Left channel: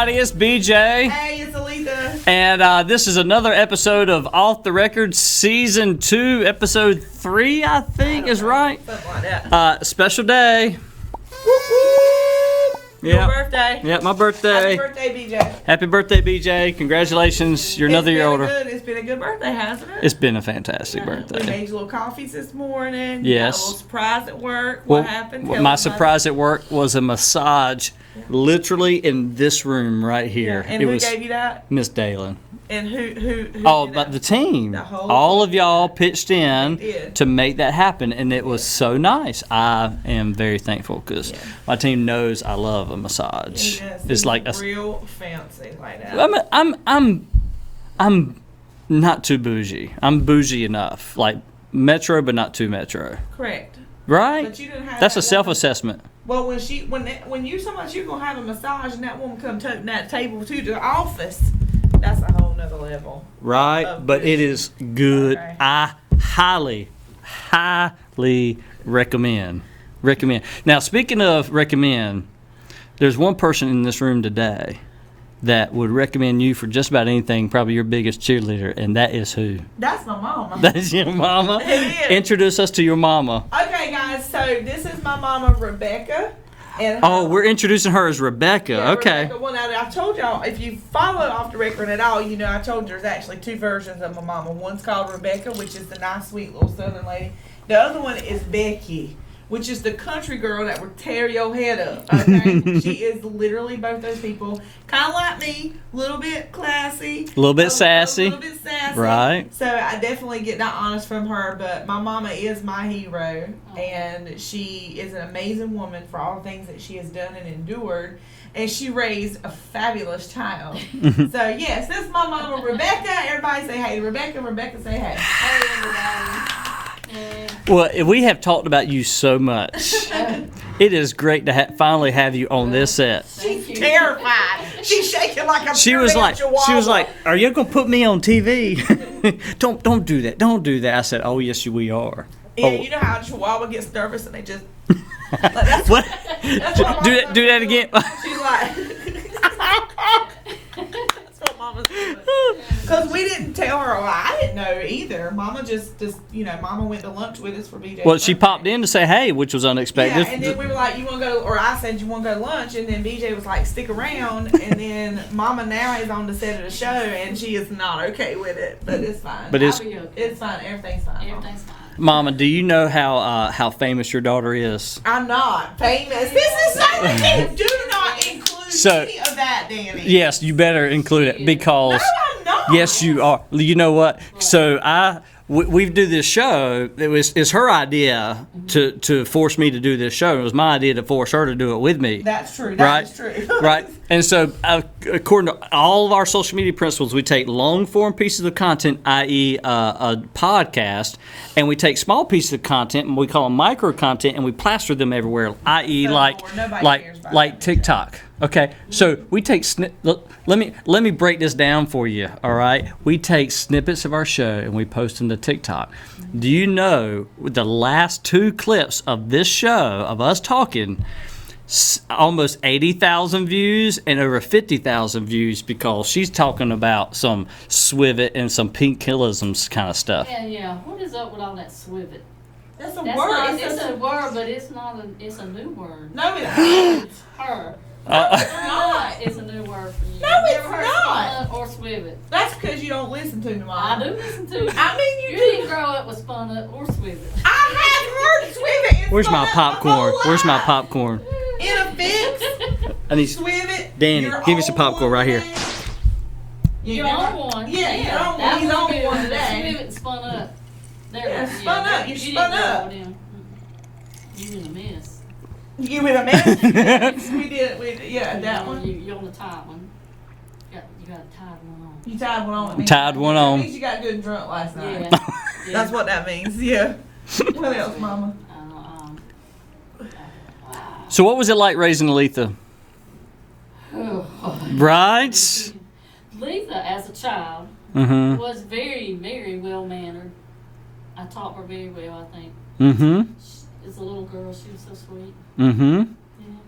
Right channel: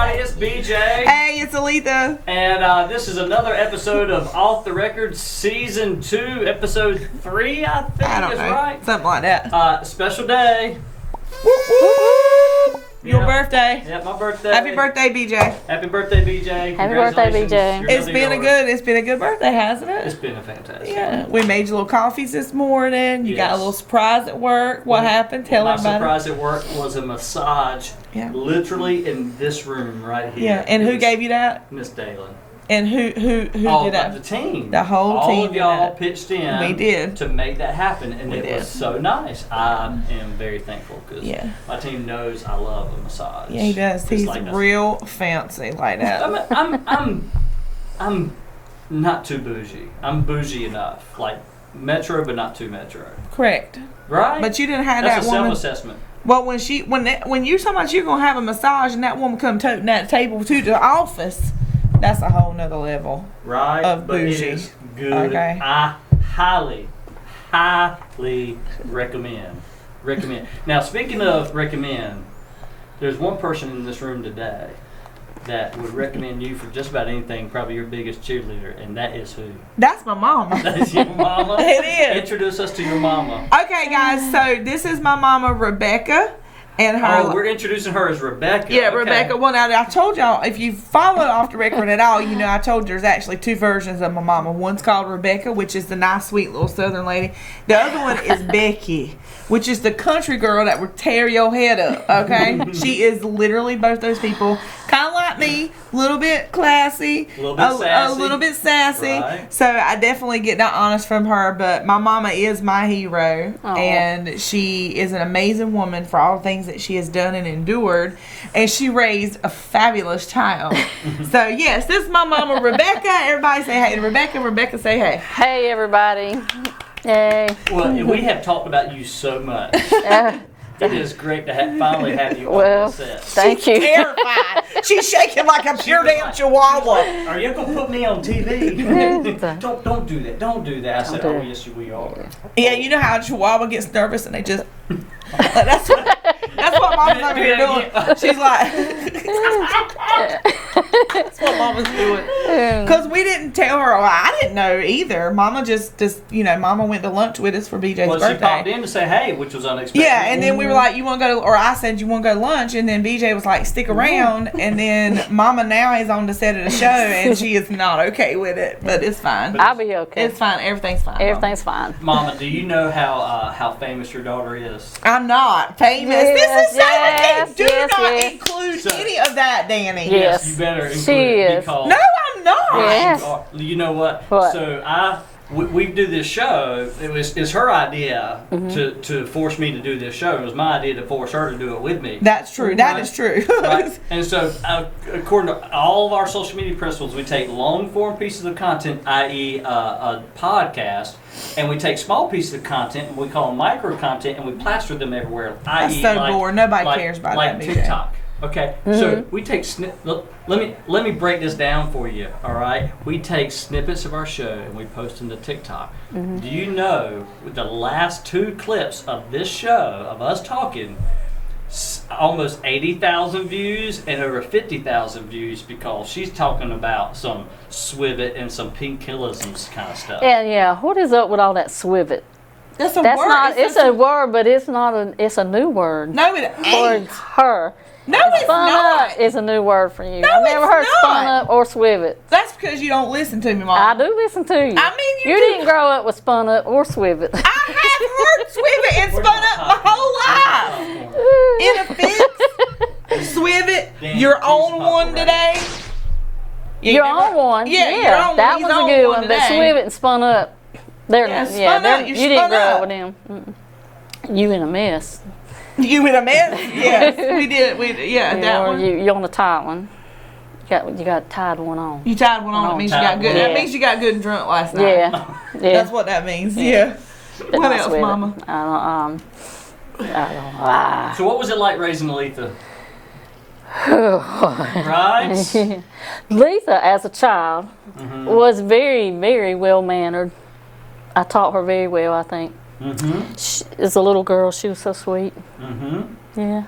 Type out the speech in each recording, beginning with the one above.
everybody, it's BJ. Hey, it's Aleatha. And this is another episode of Off the Record Season 2, Episode 3, I think is right. Something like that. Special day. Your birthday. Yeah, my birthday. Happy birthday, BJ. Happy birthday, BJ. Congratulations. birthday, BJ. You're another year older. It's been a good birthday, hasn't it? It's been a fantastic birthday. We made you little coffees this morning. You got a little surprise at work. What happened? Tell my everybody. surprise at work was a massage, literally in this room right here. Yeah. And who gave you that? Miss Dalen. And who did that? The team. The whole team. All of y'all pitched in. We did. To make that happen, and it was so nice. I am very thankful because my team knows I love a massage. Yeah, he does. It's He's like real fancy like that. I'm not too bougie. I'm bougie enough, like metro, but not too metro. Correct. Right? But you didn't have That's that a self-assessment. Well, when you talking about you're gonna have a massage and that woman come toting that table to the office, that's a whole nother level. Right, but bougie. it is good. Okay. I highly recommend. Now, speaking of recommend, there's one person in this room today that would recommend you for just about anything, probably your biggest cheerleader, and that is who? That's my mama. That's your mama? It is. Introduce us to your mama. Okay, guys, so this is my mama, Rebecca. And her, we're introducing her as Rebecca. Yeah, okay. Rebecca. Well, now, I told y'all, if you follow Off the Record at all, you know I told you there's actually two versions of my mama. One's called Rebecca, which is the nice, sweet little southern lady. The other one is Becky, which is the country girl that would tear your head up, okay? She is literally both those people. Kind of like me, a little bit classy. A little bit sassy. A little bit sassy. Right. So I definitely get that honest from her, but my mama is my hero. Aww. And she is an amazing woman for all the things that she has done and endured. And she raised a fabulous child. So, yes, this is my mama, Rebecca. Everybody say hey to Rebecca. Rebecca, say hey. Hey, everybody. Hey. Well, we have talked about you so much. It is great to finally have you on this set. Thank you. Terrified. She's shaking like a She was like, "Are you gonna put me on TV? don't do that. Don't do that." I said, "Oh yes, we are." Yeah, you know how a chihuahua gets nervous and they just. That's what Mama's do that again. She's like. That's what Mama's doing. Because we didn't tell her. Well, I didn't know either. Mama just Mama went to lunch with us for BJ's birthday. She popped in to say hey, which was unexpected. Yeah, and then we were like, you want to go to, or I said, you want to go to lunch? And then BJ was like, stick around. And then Mama now is on the set of the show, and she is not okay with it. But it's fine. I'll be okay. It's fine. Everything's fine. Everything's fine. Mama, do you know how famous your daughter is? I'm not famous. This is so do not include any of that, Danny. Yes, you better include it because. No, I'm not. Yes, you are. You know what? What? So we do this show. It's her idea to force me to do this show. It was my idea to force her to do it with me. That's true. That is true. Right. And so, according to all of our social media principles, we take long form pieces of content, i.e., a podcast, and we take small pieces of content and we call them micro content, and we plaster them everywhere, i.e., so boring. Nobody cares about that TikTok. Okay, so we take let me break this down for you. All right, we take snippets of our show and we post them to TikTok. Do you know the last two clips of this show of us talking, almost 80,000 views and over 50,000 views because she's talking about some swivet and some painkillisms kind of stuff. Yeah. What is up with all that swivet? That's a That's word. not. It's a word, but it's not. It's a new word. No, it For ain't. her. No, it's Spun not. up is a new word for you. No, I've never it's heard not. spun up or swivet. That's because you don't listen to me, Mom. I do listen to you. I mean, you didn't grow up with spun up or swivet. I have heard swivet and Where's spun my up popcorn? whole Where's my life. popcorn? In a fix, swivet. Dan, Your give me some own popcorn one right today. here. Your own one. Yeah, your own that one. was He's a on good one one. But today. swivet and spun up. Spun up. You You didn't spun grow up. up with them. You in a mess. You in a mess? Yes, we did. That one. You on the tight one. You got a tied one on. You tied one on. It means you Tied got good. one That on. means you got good and drunk last night. Yeah. That's what that means. Yeah. What else, Swivet. Mama? I don't. So what was it like raising Aleatha? Right? Aleatha, as a child, was very, very well mannered. I taught her very well, I think. As a little girl, she was so sweet. Yeah.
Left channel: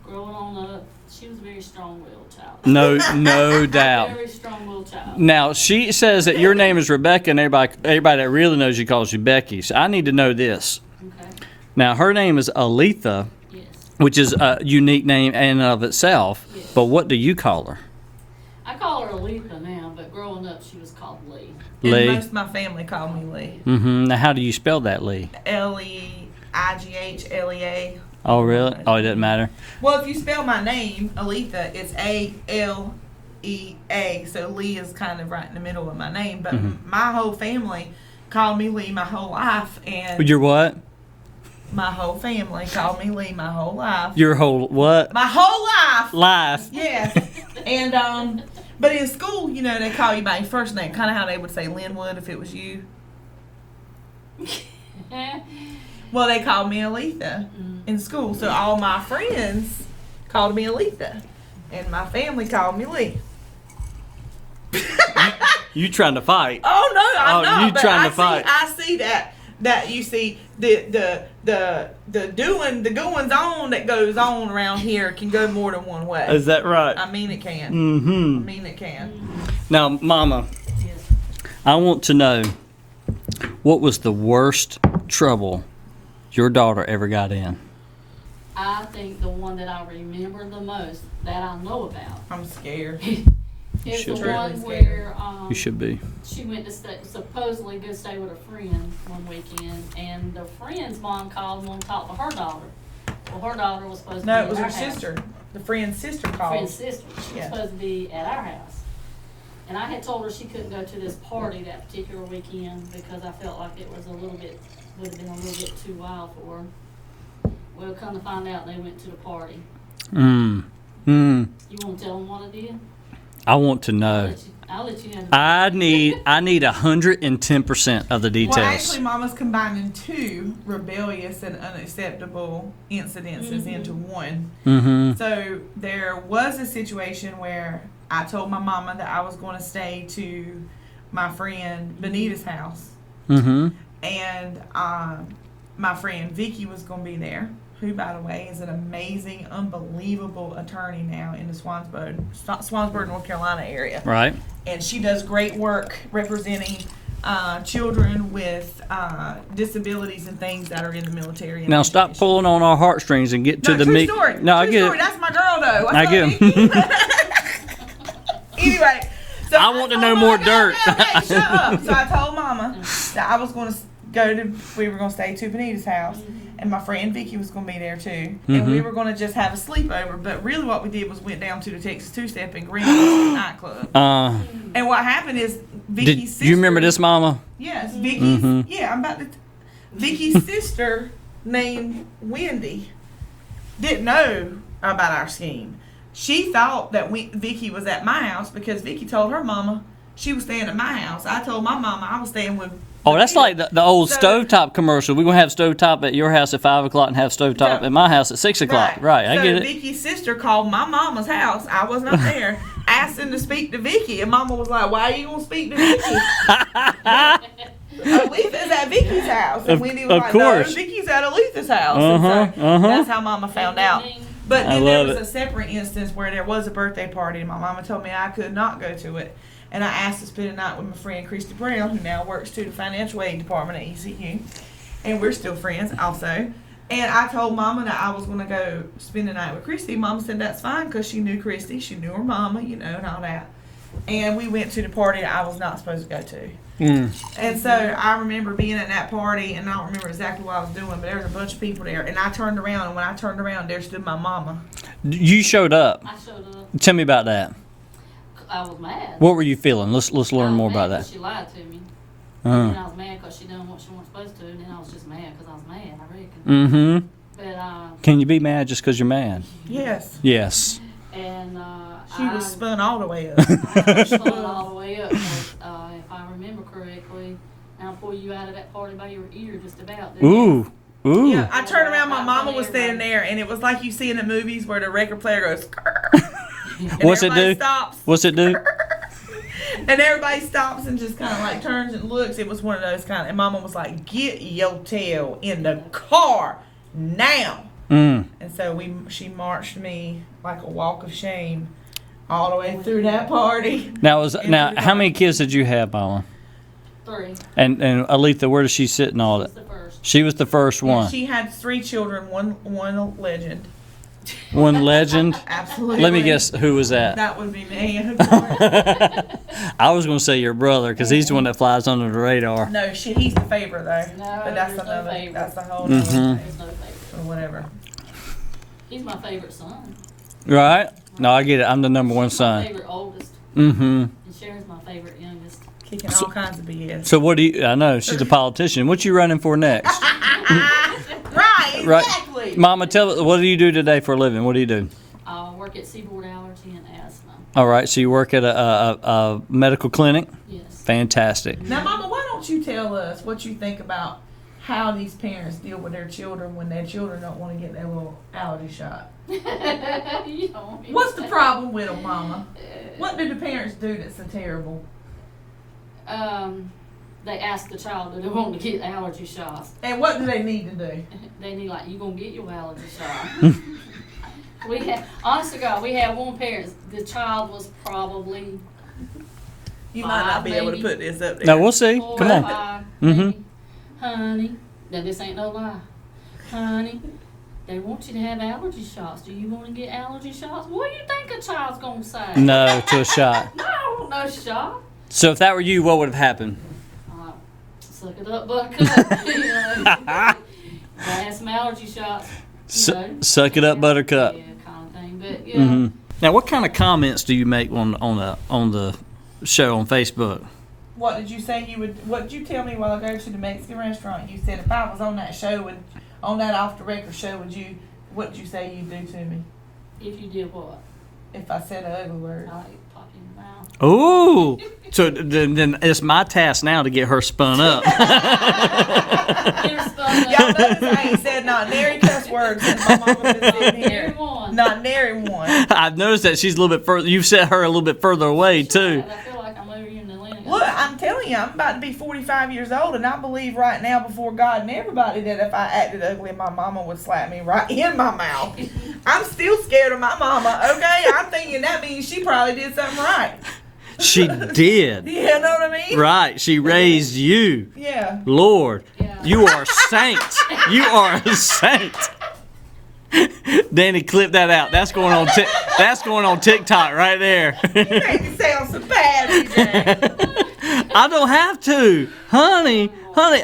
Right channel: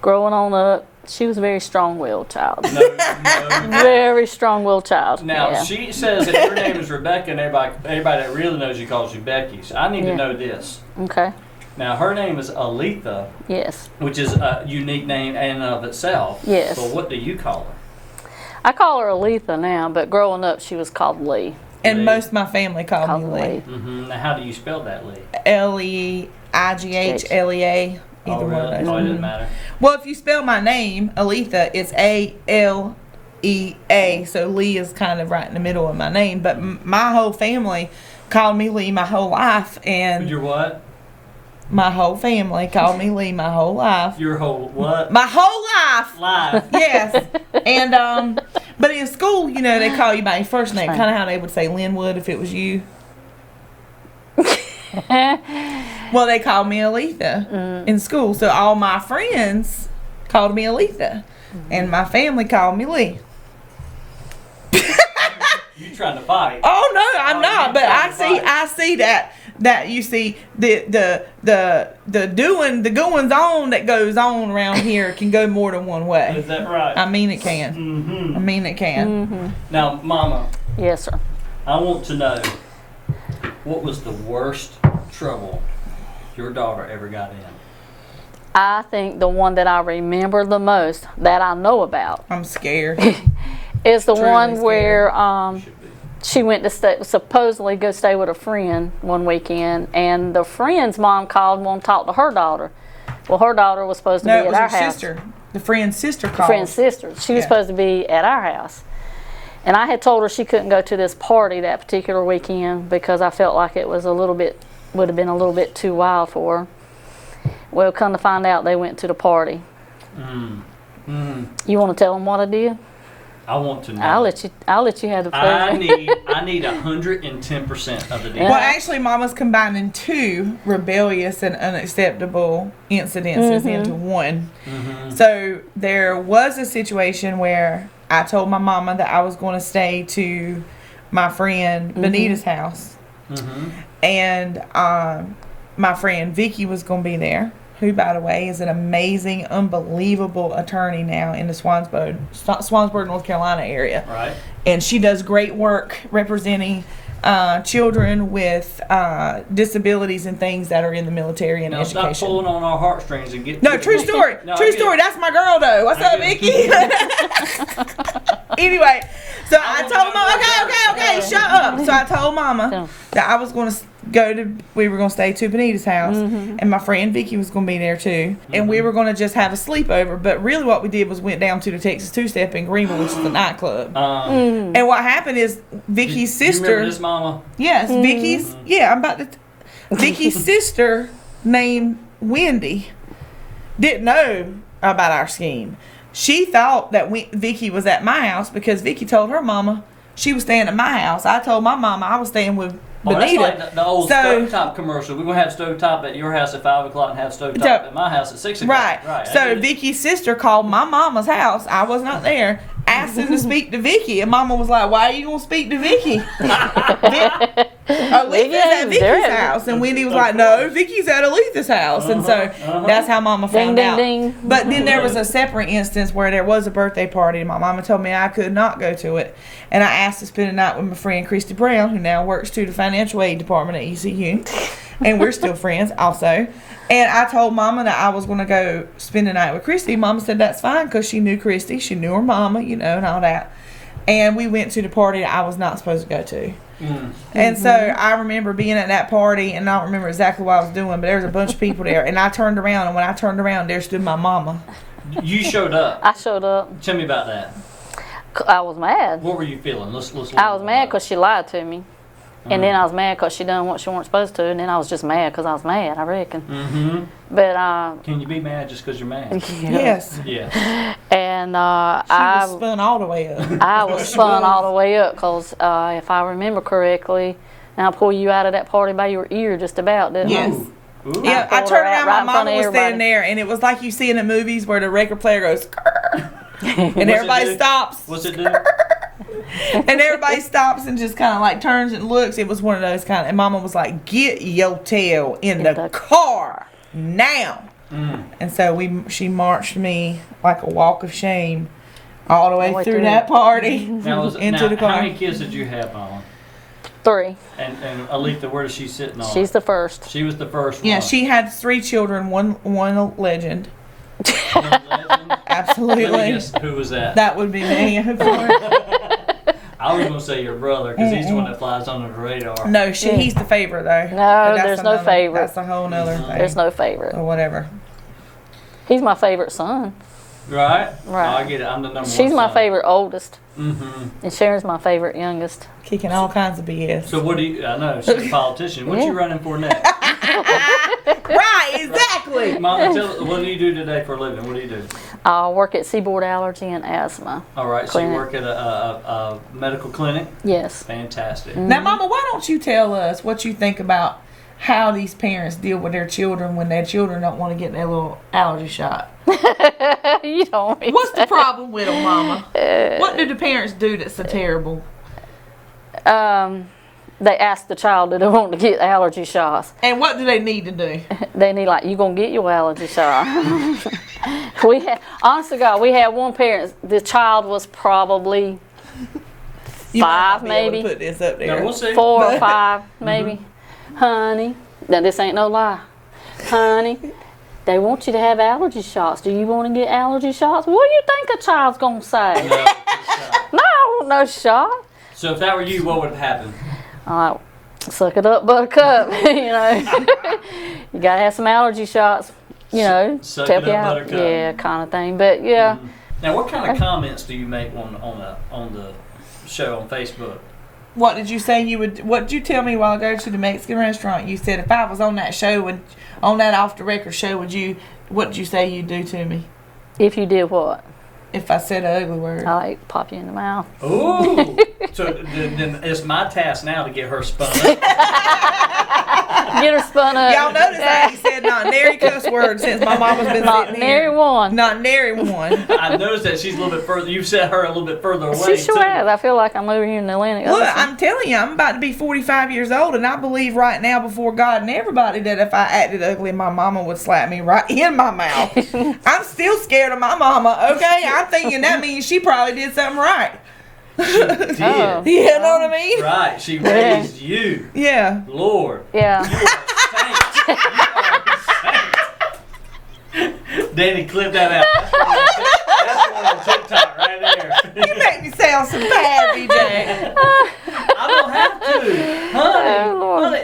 Growing on up, She was a very strong-willed child. No doubt. Very strong-willed child. Now yeah. she says that your name is Rebecca, and everybody that really knows you calls you Becky. So I need to know this. Okay. Now her name is Aleatha, Yes. which is a unique name in and of itself. Yes. But what do you call her? I call her Aleatha now, but growing up she was called Lee. And Lee. most of my family called me Lee. Mm-hmm. Now how do you spell that, Lee? Leighlea. Oh really? Oh, it doesn't matter. Well, if you spell my name, Aleatha, it's Alea. So Lee is kind of right in the middle of my name. But my whole family called me Lee my whole life, and Your what? my whole family called me Lee my whole life. Your whole what? My whole life. Life. Yes. And but in school, you know, they call you by your first name, kind of how they would say Linwood if it was you. Well, they called me Aleatha in school, so all my friends called me Aleatha, and my family called me Lee. You trying to fight? Oh no, I'm Oh, not. you But trying to fight. I see that you see the goings on that goes on around here can go more than one way. Is that right? I mean it can. Mm-hmm. I mean it can. Now, Mama, Yes, sir. I want to know what was the worst trouble your daughter ever got in? I think the one that I remember the most that I know about I'm scared. is the Truly one scared. where You should be. she went to supposedly go stay with a friend one weekend, and the friend's mom called and wanted to talk to her daughter. Well, her daughter was supposed to No, be it at was our her house. sister. The friend's sister called. Friend's sister. She was Yeah. supposed to be at our house. And I had told her she couldn't go to this party that particular weekend because I felt like it was would have been a little bit too wild for her. Well, come to find out, they went to the party. You want to tell them what I did? I want to know. I'll let you have the I pleasure. need 110% of the details. Well, actually, Mama's combining two rebellious and unacceptable incidences into one. So there was a situation where I told my mama that I was going to stay to my friend Benita's house. And my friend Vicky was going to be there, who, by the way, is an amazing, unbelievable attorney now in the Swansburg, North Carolina area. Right. And she does great work representing children with disabilities and things that are in the military and Now education. stop pulling on our heartstrings and get to No, the true meat. story. No, I True get story. it. That's my girl, though. What's I up, get Vicky? Anyway, so I want to told know Mama, more okay, dirt. Okay, shut up. So I told Mama that I was going to we were going to stay to Benita's house, and my friend Vicky was going to be there too, and we were going to just have a sleepover. But really, what we did was went down to the Texas Two Step in Greenville, which is a nightclub. And what happened is Vicky's sister. You remember this, Mama? Yes, Vicky's. Yeah, I'm about to. Vicky's sister, named Wendy, didn't know about our scheme. She thought that Vicky was at my house because Vicky told her mama she was staying at my house. I told my mama I was staying with. Oh, that's Benita. like the old So- stovetop commercial. We're going to have stovetop at your house at 5 o'clock and have stovetop at my house at 6 o'clock. Right. I So get it. Vicky's sister called my mama's house. I was not there. Asking to speak to Vicky, and Mama was like, "Why are you gonna speak to Vicky?" Aletha's at Vicky's house, and Wendy was Of like, "No, course. Vicky's at Aletha's house," and so that's how Mama found ding, out. ding. But then there love was it. a separate instance where there was a birthday party, and my mama told me I could not go to it, and I asked to spend the night with my friend Christy Brown, who now works to the financial aid department at ECU, and we're still friends also. And I told Mama that I was going to go spend the night with Christy. Mama said that's fine because she knew Christy. She knew her mama, you know, and all that. And we went to the party that I was not supposed to go to. And so I remember being at that party, and I don't remember exactly what I was doing, but there was a bunch of people there. And I turned around, and when I turned around, there stood my mama. You showed up. I showed up. Tell me about that. I was mad. What were you feeling? Let's learn I was more mad about because that. she lied to me. And then I was mad because she done what she weren't supposed to. And then I was just mad because I was mad, I reckon. But, Can you be mad just because you're mad? Yes. Yes. and She I was spun all the way up. I was spun all the way up because if I remember correctly, and I'll pull you out of that party by your ear just about, didn't I? Ooh. Ooh. Yeah, I turned around, Right my in front mama of was everybody. standing there, and it was like you see in the movies where the record player goes, and What's it everybody do? stops. What's it do? And everybody stops and just kind of like turns and looks. It was one of those kind of, and Mama was like, "Get your tail in the car now." And so she marched me like a walk of shame all the way through that party. Now, how many kids did you have, Mama? 3. And Aleatha, where does she sit in all She's that? the first. She was the first one. Yeah, she had 3 children, one legend. One legend? Absolutely. Let me guess, who was that? That would be me, of course. I was going to say your brother, because he's the one that flies under the radar. No, he's the favorite, though. No, there's no favorite. That's a whole nother thing. There's no favorite. Or whatever. He's my favorite son. Right? Right. No, I get it. I'm the number one She's son. my favorite oldest. Mm-hmm. And Sharon's my favorite youngest. Kicking all kinds of BS. So what do you, I know, she's a politician. What you running for next? Right, exactly. Mama, what do you do today for a living? What do you do? I work at Seaboard Allergy and Asthma. All right, so you Clinic. work at a medical clinic? Yes. Fantastic. Now, Mama, why don't you tell us what you think about how these parents deal with their children when their children don't want to get their little allergy shot? You don't. What's the problem with them, Mama? What do the parents do that's so terrible? They ask the child, do they want to get allergy shots? And what do they need to do? They need, like, you gonna get your allergy shot. Honest to God, we had one parent, the child was probably You might 5 not be able maybe. to put this up there. Now, we'll see. 4 Come or on. 5 maybe. Honey, now this ain't no lie. Honey, they want you to have allergy shots. Do you want to get allergy shots? What do you think a child's gonna say? No to a shot. No, I don't want no shot. So if that were you, what would have happened? I'm like, suck it up, buttercup. You know, you gotta have some allergy shots. You know, Suck to it help you up, out. buttercup. Yeah, kind of thing. But yeah, Now, what kind of comments do you make on the show on Facebook? What did you say you would? What did you tell me while I go to the Mexican restaurant? You said if I was on that show, on that off the record show, what did you say you'd do to me if you did what? if I said an ugly word? I like pop you in the mouth. Oh, so then it's my task now to get her spun up. Get her spun up. Y'all notice I ain't said not nary cuss words since my mama's been Not sitting nary here. one. Not nary one. I've noticed that she's a little bit further. You've set her a little bit further away She sure has. too. I feel like I'm over here in the Atlantic Look, Ocean. I'm telling you, I'm about to be 45 years old, and I believe right now before God and everybody that if I acted ugly, my mama would slap me right in my mouth. I'm still scared of my mama, okay? I'm thinking that means she probably did something right. She did. Oh. You know what I mean? Right. She raised you. Yeah. Lord. Yeah. You are a saint. You are a saint. Danny, clip that out. That's going on TikTok right there. You make me sound so bad, DJ. I don't have to, honey. Oh, Lord. Honey,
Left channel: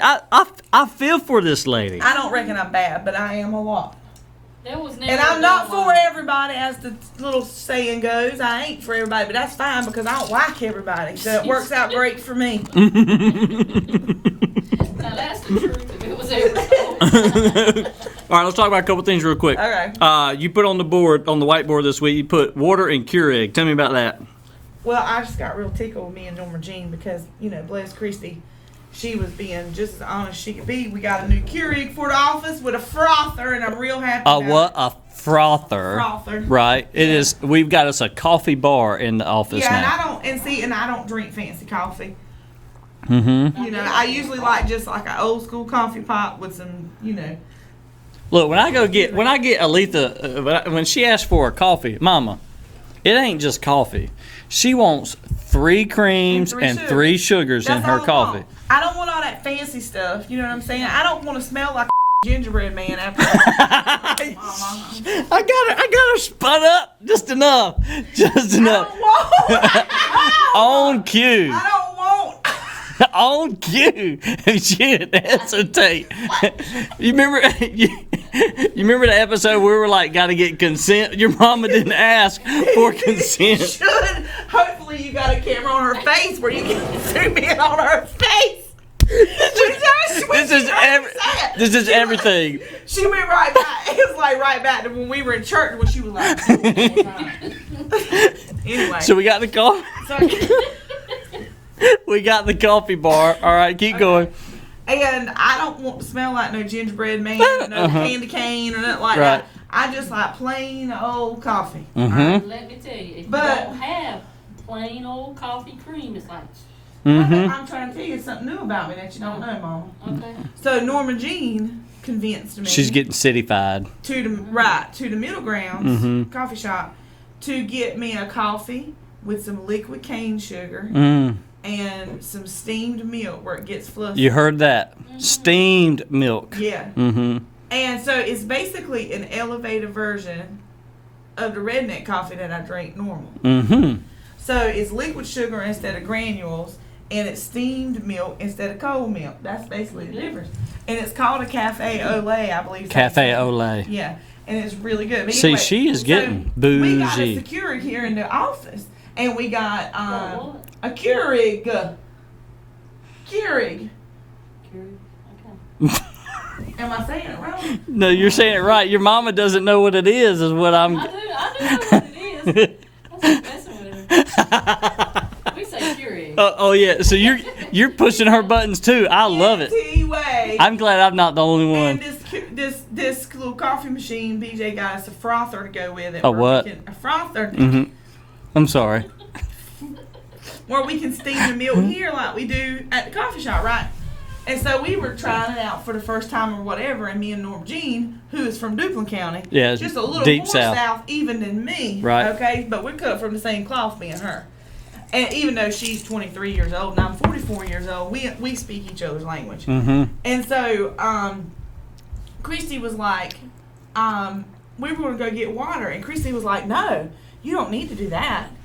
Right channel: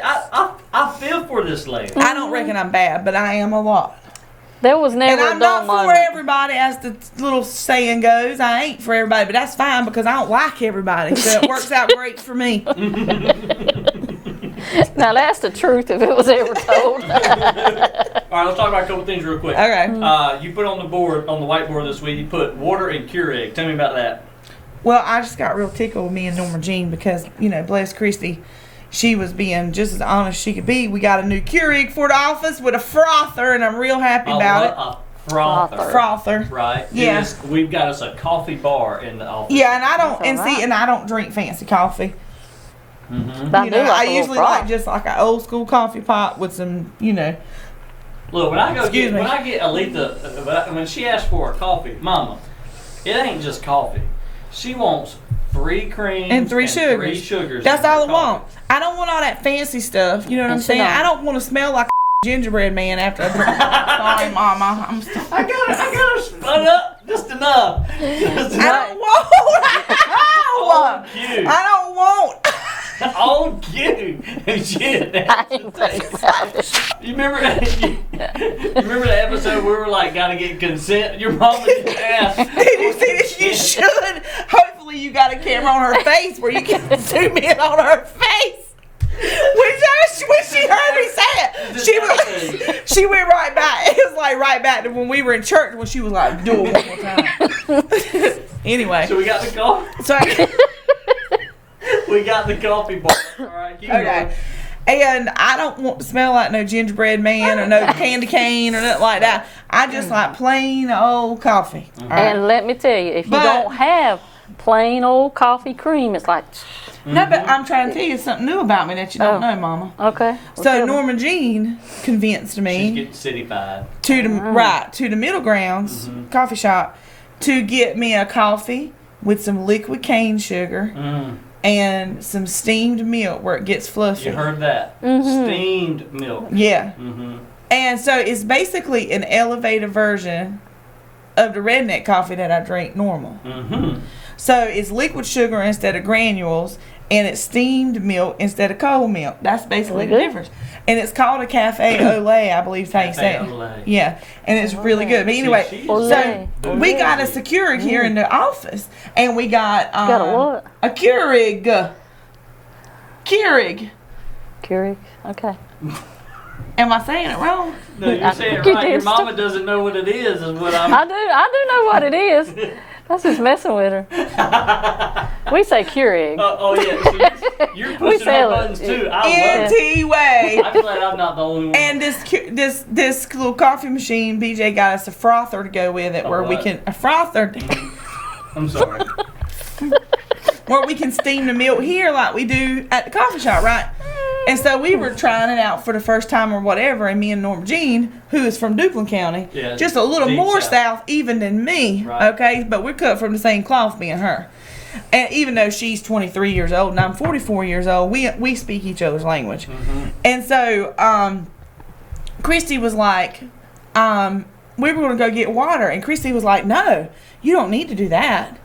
I feel for this lady. I don't reckon I'm bad, but I am a lot. There was never And a I'm not dull for moment. everybody, as the little saying goes. I ain't for everybody, but that's fine because I don't like everybody. So it works out great for me. Now that's the truth if it was ever told. All right, let's talk about a couple things real quick. Okay. You put on the whiteboard this week, you put water and Keurig. Tell me about that. Well, I just got real tickled with me and Norma Jean because, bless Christy, she was being just as honest as she could be. We got a new Keurig for the office with a frother, and I'm real happy about it. A frother. Frother. Right. Yeah. It is. We've got us a coffee bar in the office Yeah, now. and I don't, That's all right. and I don't drink fancy coffee. Mm-hmm. But I do like I a little usually froth. like just like an old school coffee pot with some, Look, when I Excuse me. get Aleatha, when she asks for a coffee, Mama, it ain't just coffee. She wants 3 creams And 3 sugars. in That's her all I coffee. want. I don't want all that fancy stuff. You know what I'm And saying? sugar. I don't want to smell like a gingerbread man after. Sorry, Mama. I got her spun up just enough. Just I enough. don't want. On cue. I don't want. On cue. She didn't hesitate. You remember the episode where we were like, gotta get consent? Your mama didn't ask for You consent. should. Hopefully, you got a camera on her face where you can zoom in on her face. This This is everything. She went right back. It was like right back to when we were in church when she was like, do it one more time. Anyway. So we got the coffee. We got the coffee bar. All right, keep going. And I don't want to smell like no gingerbread man or no candy cane or nothing like Right. that. I just like plain old coffee. All right? And let me tell you, if you But- don't have plain old coffee cream, it's like No, but I'm trying to tell you something new about me that you don't know, Mama. Okay. So Norma Jean convinced me. She's getting cityfied. To the Middle Grounds coffee shop to get me a coffee with some liquid cane sugar and some steamed milk where it gets fluffy. You heard that? Steamed milk. Yeah. And so it's basically an elevated version of the redneck coffee that I drink normal. So it's liquid sugar instead of granules, and it's steamed milk instead of cold milk. That's basically the difference. And it's called a cafe au lait, I believe. Cafe au lait. Yeah, and it's really good. But anyway, See, she is getting bougie. we got it secured here in the office, and we got got a what? A Keurig. Keurig. Okay. Am I saying it wrong? No, you're saying it right. Your mama doesn't know what it is what I'm... I do know what it is. That's just messing with her. We say Keurig. Oh yeah, so you're pushing her buttons too. I love it. Anyway. I'm glad I'm not the only one. And this little coffee machine, BJ got us a frother to go with it, a frother. I'm sorry. Where we can steam the milk here like we do at the coffee shop, right? And so we were trying it out for the first time or whatever, and me and Norma Jean, who is from Duplin County, just a little more south even than me, okay? But we're cut from the same cloth, me and her. And even though she's 23 years old and I'm 44 years old, we speak each other's language. And so Christy was like, we were going to go get water, and Christy was like, no, you don't need to do that.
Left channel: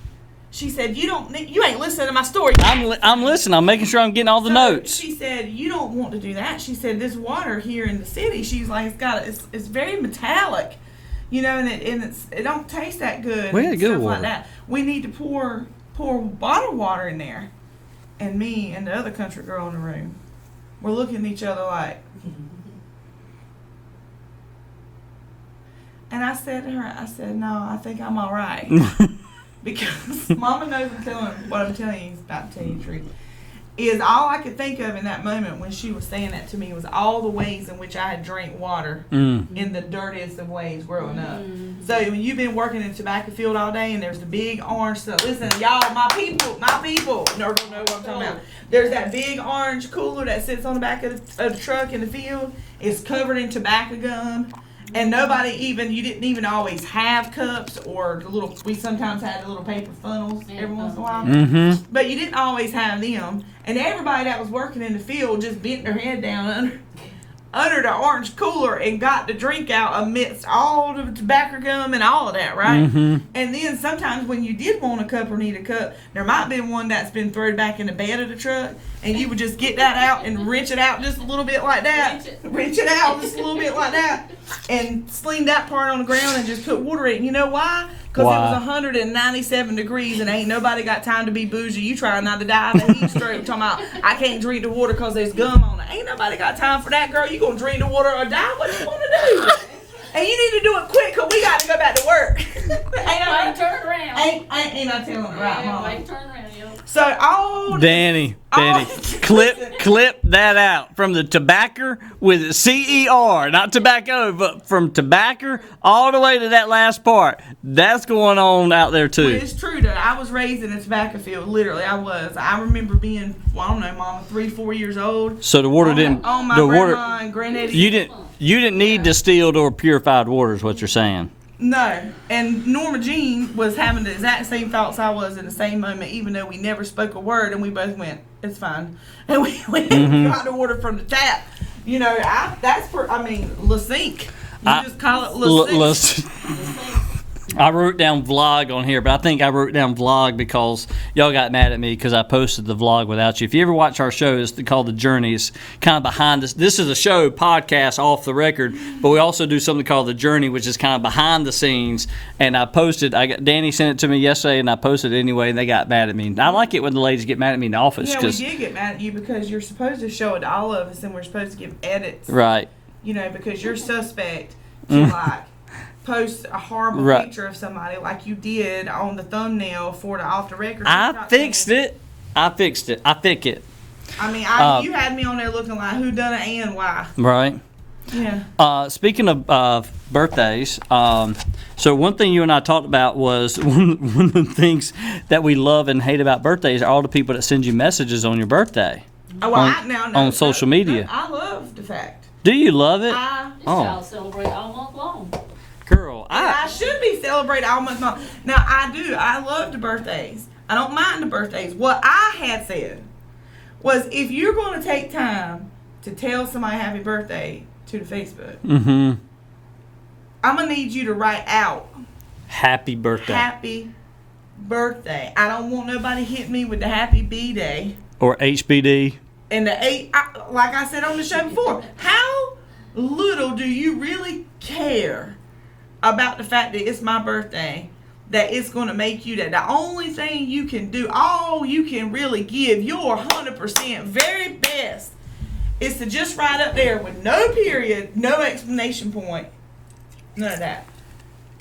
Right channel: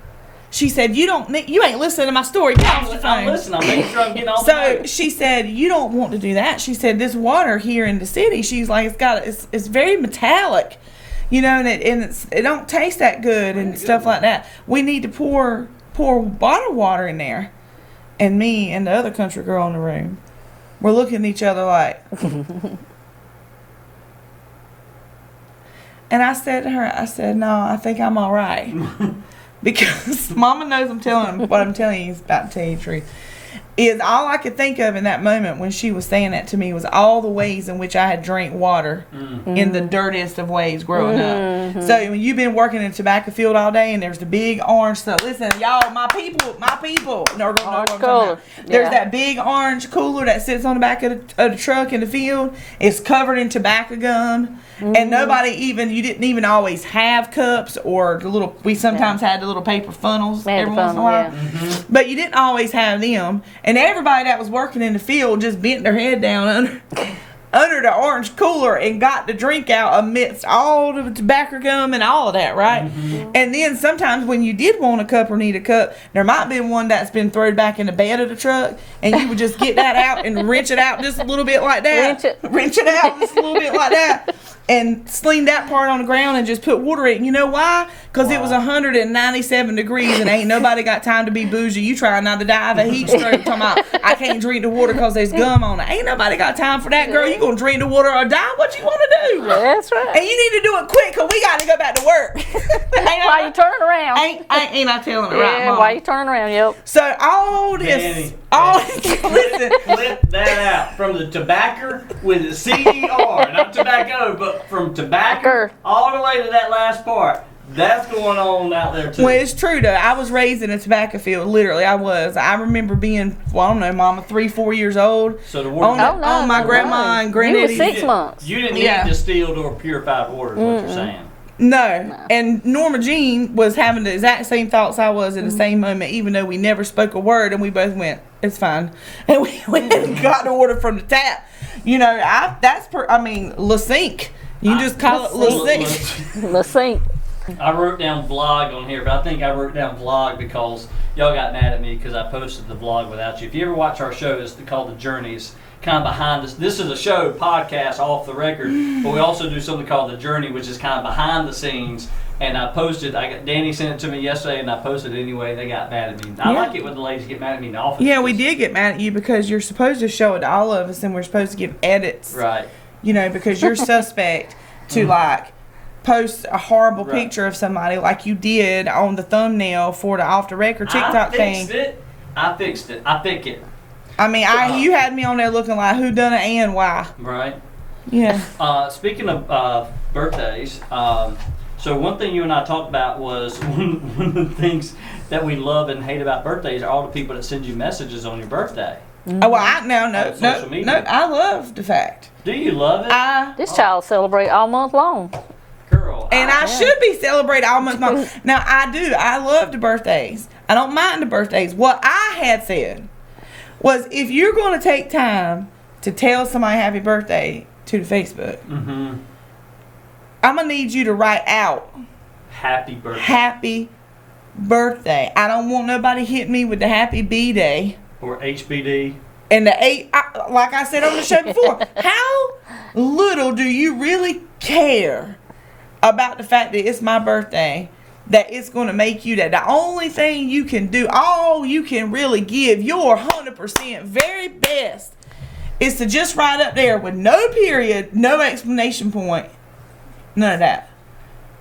She said, you ain't listening to my story. I'm listening. I'm making sure I'm getting all the notes. She said, you don't want to do that. She said, this water here in the city, she's like, it's very metallic, you know, and it don't taste that good and stuff like that. We need to pour bottled water in there. And me and the other country girl in the room, we're looking at each other like. And I said to her, no, I think I'm all right. Because Mama knows what I'm telling you is about to tell you the truth. Is all I could think of in that moment when she was saying that to me was all the ways in which I had drank water in the dirtiest of ways growing up. So when you've been working in a tobacco field all day and there's the big orange stuff. Listen, y'all, my people, no, there's that big orange cooler that sits on the back of the truck in the field. It's covered in tobacco gum. And you didn't even always have cups or we sometimes had the little paper funnels every once in a while. But you didn't always have them. And everybody that was working in the field just bent their head down under the orange cooler and got the drink out amidst all the tobacco gum and all of that, right? And then sometimes when you did want a cup or need a cup, there might be one that's been thrown back in the bed of the truck, and you would just get that out and wrench it out just a little bit like that. Wrench it out just a little bit like that. And sling that part on the ground and just put water in it. And you know why? Because it was 197 degrees and ain't nobody got time to be bougie. You trying not to die of a heat stroke talking about, I can't drink the water because there's gum on it. Ain't nobody got time for that, girl. You going to drink the water or die? What you want to do? That's right. And you need to do it quick because we got to go back to work. While you turn around. Ain't I telling it right, Mom? While you turn around, yep. So all this... Danny, clip that out from the tobacco with a CER, not tobacco, but from tobacco all the way to that last part. That's going on out there too. Well, it's true though. I was raised in a tobacco field. Literally, I was. I remember being, I don't know, Mama, 3-4 years old. So the water didn't. On my grandma and granddaddy. You didn't need distilled or purified water, is what you're saying. No, and Norma Jean was having the exact same thoughts I was at the same moment, even though we never spoke a word, and we both went, "It's fine," and we got the water from the tap. You know, La Sink. You just call it La Sink. La Sink. I wrote down vlog on here, but I think I wrote down vlog because y'all got mad at me because I posted the vlog without you. If you ever watch our show, it's called The Journeys, kind of behind this. This is a show, podcast, off the record, but we also do something called The Journey, which is kind of behind the scenes. And I posted, Danny sent it to me yesterday, and I posted it anyway, and they got mad at me. I like it when the ladies get mad at me in the office. Yeah, we did get mad at you because you're supposed to show it to all of us, and we're supposed to give edits. Right. You know, because you're suspect to post a horrible picture of somebody like you did on the thumbnail for the off the record TikTok thing. I fixed it. I mean, you had me on there looking like who done it and why. Right. Yeah. Speaking of birthdays, so one thing you and I talked about was one of the things that we love and hate about birthdays are all the people that send you messages on your birthday. Oh, well, on social media. No, I love the fact. Do you love it? This child celebrate all month long. Girl. And I should be celebrating all month long. Now, I do. I love the birthdays. I don't mind the birthdays. What I had said was if you're going to take time to tell somebody happy birthday to the Facebook, I'm going to need you to write out happy birthday. Happy birthday. I don't want nobody hitting me with the happy B-day. Or HBD. And the like I said on the show before, how little do you really care about the fact that it's my birthday, that it's going to make you that the only thing you can do, all you can really give your 100% very best is to just write up there with no period, no explanation point, none of that.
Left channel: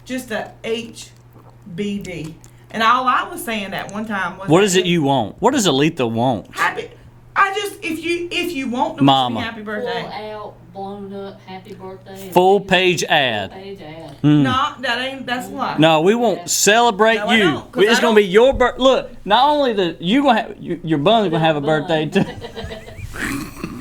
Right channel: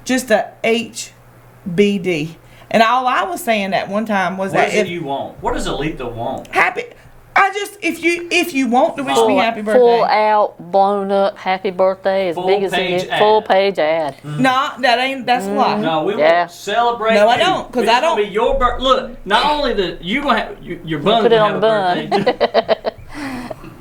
Just a HBD. And all I was saying that one time was what is it you want? What does Aleatha want? Happy. I just if you want to wish me happy birthday. Full out, blown up, happy birthday. As Full big as page ad. Full page ad. No, that's a lie. No, we won't celebrate No, you. I don't, 'cause It's I gonna be your birthday. Look, not only that you gonna have your bun Put it gonna on have a the bun. birthday too.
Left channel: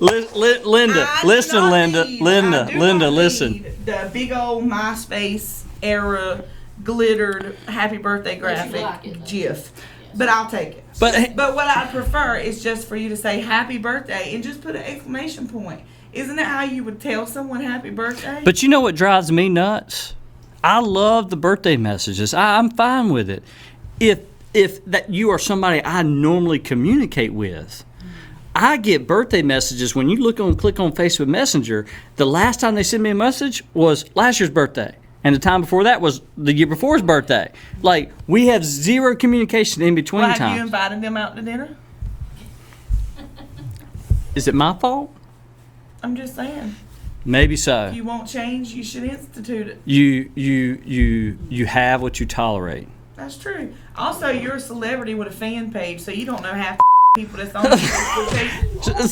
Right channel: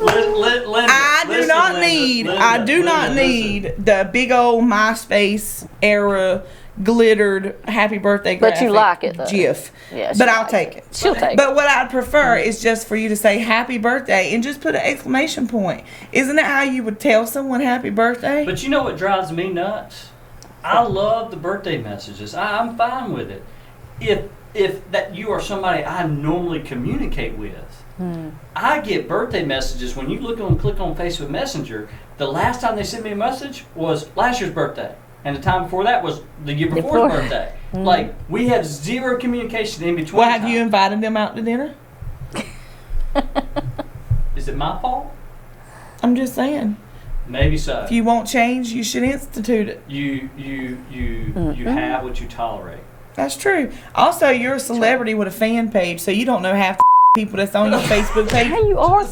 Linda, I do not need the big old MySpace era glittered happy birthday But graphic you like it, though. GIF. Yeah, but she I'll likes take it. it. She'll take But what I prefer is just for you to say happy birthday and just put an exclamation point. Isn't that how you would tell someone happy birthday? But you know what drives me nuts? I love the birthday messages. I'm fine with it. If that you are somebody I normally communicate with, I get birthday messages when you click on Facebook Messenger. The last time they sent me a message was last year's birthday, and the time before that was the year before's birthday. Like we have zero communication in between. Well, have you invited them out to dinner? Is it my fault? I'm just saying. Maybe so. If you won't change, you should institute it. You have what you tolerate. That's true. Also, you're a celebrity with a fan page, so you don't know half the people that's on the Facebook page. You are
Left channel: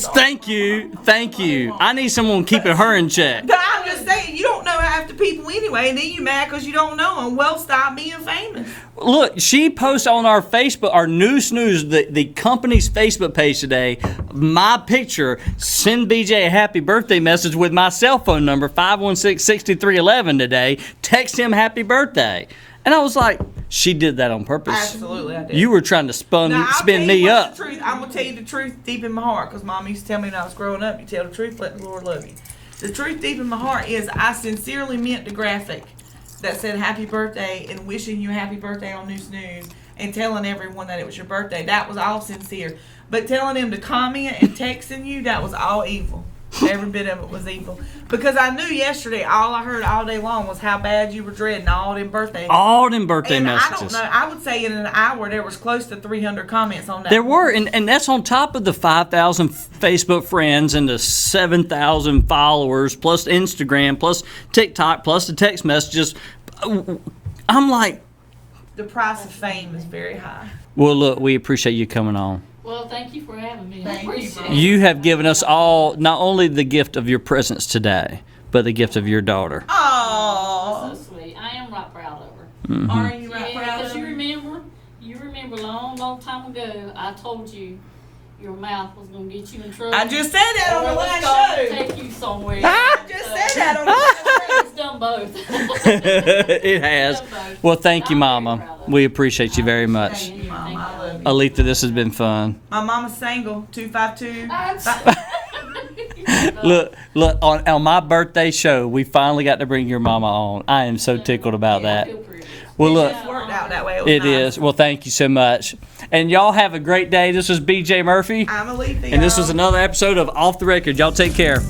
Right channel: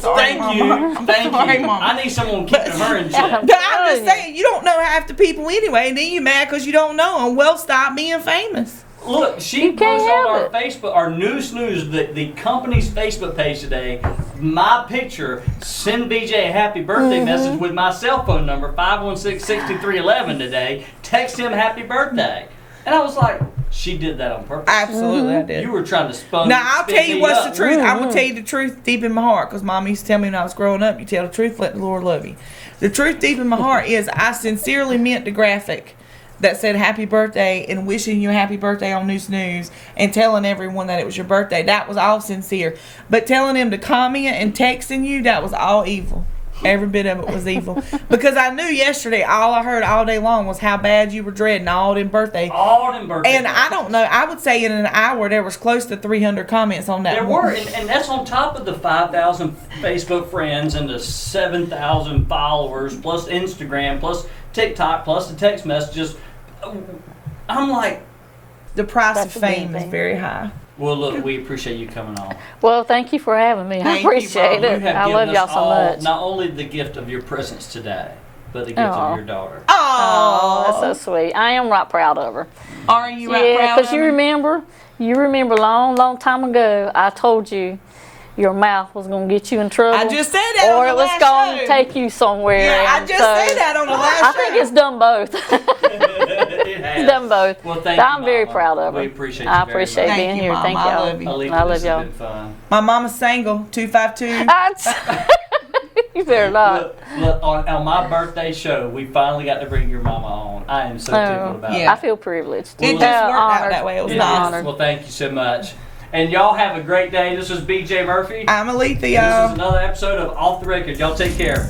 Thank you. I need someone keeping her in check. But I'm just saying, you don't know half the people anyway, and then you mad because you don't know them. Well, stop being famous. Look, she posts on our Facebook, our new snooze, the company's Facebook page today, my picture, send BJ a happy birthday message with my cell phone number, 516-6311 today. Text him happy birthday. And I was like, she did that on purpose. Absolutely, I did. You were trying to spin me up. Now, I'll tell you what's the truth. I'm going to tell you the truth deep in my heart, because Mom used to tell me when I was growing up, you tell the truth, let the Lord love you. The truth deep in my heart is I sincerely meant the graphic that said happy birthday and wishing you a happy birthday on New Snooze and telling everyone that it was your birthday. That was all sincere. But telling them to comment and texting you, that was all evil. Every bit of it was evil. Because I knew yesterday, all I heard all day long was how bad you were dreading all them birthdays. All them birthday and messages. I don't know. I would say in an hour there was close to 300 comments on that. There were, and that's on top of the 5,000 Facebook friends and the 7,000 followers, plus Instagram, plus TikTok, plus the text messages. I'm like, the price That's of fame is amazing. very high. well, look, we appreciate you coming on. Well, thank you for having me. I Thank you, appreciate it. You have I given love us y'all so all much. not only the gift of your presence today, but the gift of Aw. your daughter. Oh, Oh, that's so sweet. I am right proud of her. Are you right Yeah, proud because of you her? remember long time ago, I told you your mouth was going to get you in trouble. I just said that or on it the was last going show. to take you somewhere. I and just so said that on the last I think it's done both. It has. Done both. Well, thank you, I'm very Mama. proud of We her. appreciate I you very appreciate much. being Thank you, here. Mama. Thank I y'all. love you. Aleatha, I this love has y'all. been fun. My mama's single, 252. You better not. Look, on my birthday show, we finally got to bring your mama on. I am so tickled about yeah. I that. feel privileged. Well, It look, just worked out honored. that way. It was It an is. honor. Well, thank you so much. And y'all have a great day. This was BJ Murphy. I'm Aleatha, And this y'all. was another episode of Off the Record. Y'all take care.